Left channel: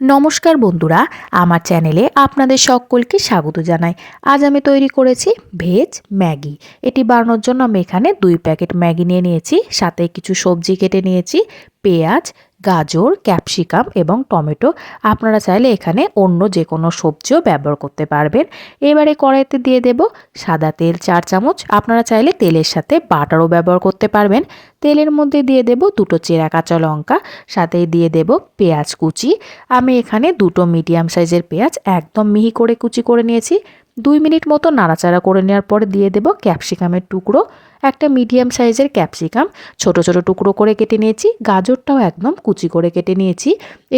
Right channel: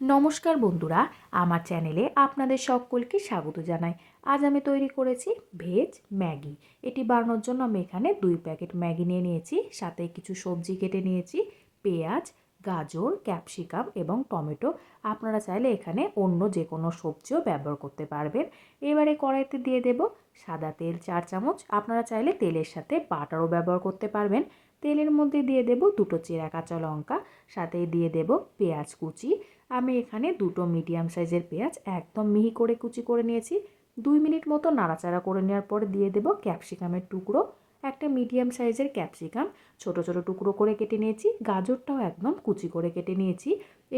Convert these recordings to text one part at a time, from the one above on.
নমস্কার বন্ধুরা, আমার চ্যানেলে আপনাদের সকলকে স্বাগত জানাই। আজ আমি তৈরি করেছি ভেজ ম্যাগি। এটি বানানোর জন্য আমি এখানে 2 প্যাকেট ম্যাগি নিয়ে নিয়েছি, সাথে কিছু সবজি কেটে নিয়েছি, পেঁয়াজ, গাজর, ক্যাপসিকাম এবং টমেটো। আপনারা চাইলে এখানে অন্য যে কোনো সবজিও ব্যবহার করতে পারবেন। এবারে কড়াইতে দিয়ে দেব সাদা তেল 4 চামচ। আপনারা চাইলে তেলের সাথে বাটারও ব্যবহার করতে পারবেন। তেলের মধ্যে দিয়ে দেব 2টো চেরা কাঁচা লঙ্কা, সাথে দিয়ে দেব পেঁয়াজ কুচি। আমি এখানে 2টো মিডিয়াম সাইজের পেঁয়াজ একদম মিহি করে কুচি করে নিয়েছি। 2 মিনিট মতো নাড়াচাড়া করে নেওয়ার পরে দিয়ে দেব ক্যাপসিকামের টুকরো। একটা মিডিয়াম সাইজের ক্যাপসিকাম ছোট ছোট টুকরো করে কেটে নিয়েছি। গাজরটাও একদম কুচি করে কেটে নিয়েছি।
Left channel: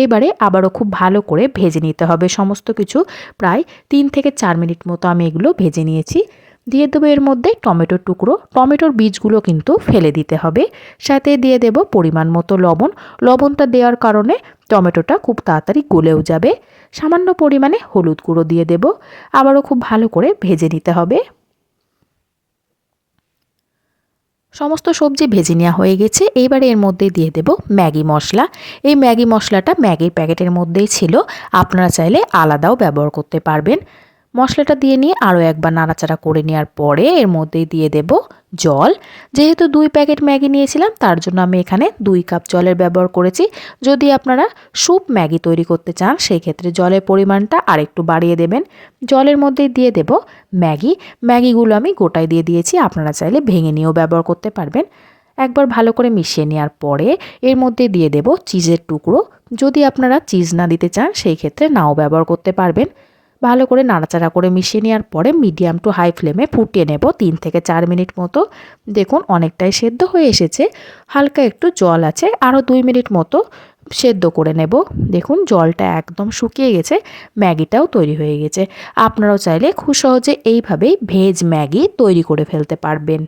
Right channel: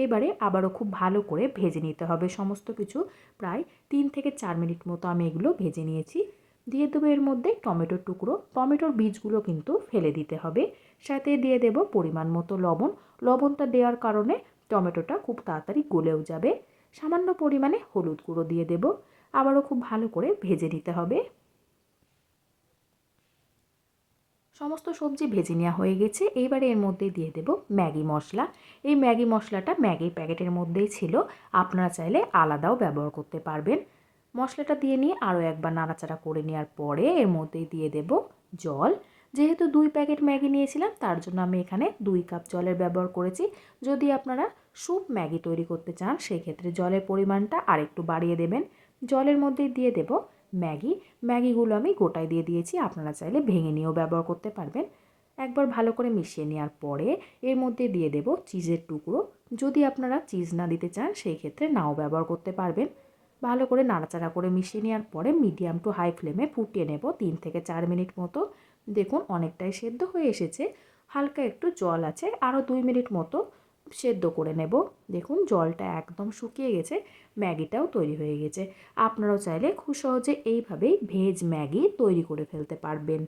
এবারে আবারও খুব ভালো করে ভেজে নিতে হবে সমস্ত কিছু। প্রায় 3 থেকে 4 মিনিট মতো আমি এগুলো ভেজে নিয়েছি। দিয়ে দেবো এর মধ্যে টমেটোর টুকরো। টমেটোর বীজগুলো কিন্তু ফেলে দিতে হবে। সাথে দিয়ে দেব পরিমাণ মতো লবণ। লবণটা দেওয়ার কারণে টমেটোটা খুব তাড়াতাড়ি গলেও যাবে। সামান্য পরিমাণে হলুদ গুঁড়ো দিয়ে দেব। আবারও খুব ভালো করে ভেজে নিতে হবে। সমস্ত সবজি ভেজে নেওয়া হয়ে গেছে। এইবারে এর মধ্যে দিয়ে দেব ম্যাগি মশলা। এই ম্যাগি মশলাটা ম্যাগির প্যাকেটের মধ্যেই ছিল, আপনারা চাইলে আলাদাও ব্যবহার করতে পারবেন। মশলাটা দিয়ে নিয়ে আরও একবার নাড়াচাড়া করে নেওয়ার পরে এর মধ্যে দিয়ে দেব জল। যেহেতু 2 প্যাকেট ম্যাগি নিয়েছিলাম, তার জন্য আমি এখানে 2 কাপ জলের ব্যবহার করেছি। যদি আপনারা স্যুপ ম্যাগি তৈরি করতে চান, সেই ক্ষেত্রে জলের পরিমাণটা আরেকটু বাড়িয়ে দেবেন। জলের মধ্যে দিয়ে দেব ম্যাগিগুলো আমি গোটায় দিয়ে দিয়েছি, আপনারা চাইলে ভেঙে নিয়েও ব্যবহার করতে পারবেন। একবার ভালো করে মিশিয়ে নেওয়ার পরে এর মধ্যে দিয়ে দেব চিজের টুকরো। যদি আপনারা চিজ না দিতে চান, সেই ক্ষেত্রে নাও ব্যবহার করতে পারবেন। ভালো করে নাড়াচাড়া করে মিশিয়ে নেওয়ার পরে মিডিয়াম টু হাই ফ্লেমে ফুটিয়ে নেব 3 থেকে 4 মিনিট মতো। দেখুন অনেকটাই সেদ্ধ হয়ে এসেছে, হালকা একটু জল আছে, আরও 2 মিনিট মতো সেদ্ধ করে নেব। দেখুন জলটা একদম শুকিয়ে গেছে, ম্যাগিটাও তৈরি হয়ে গেছে। আপনারাও চাইলে খুব সহজে এইভাবেই ভেজ ম্যাগি তৈরি করে ফেলতে পারবেন।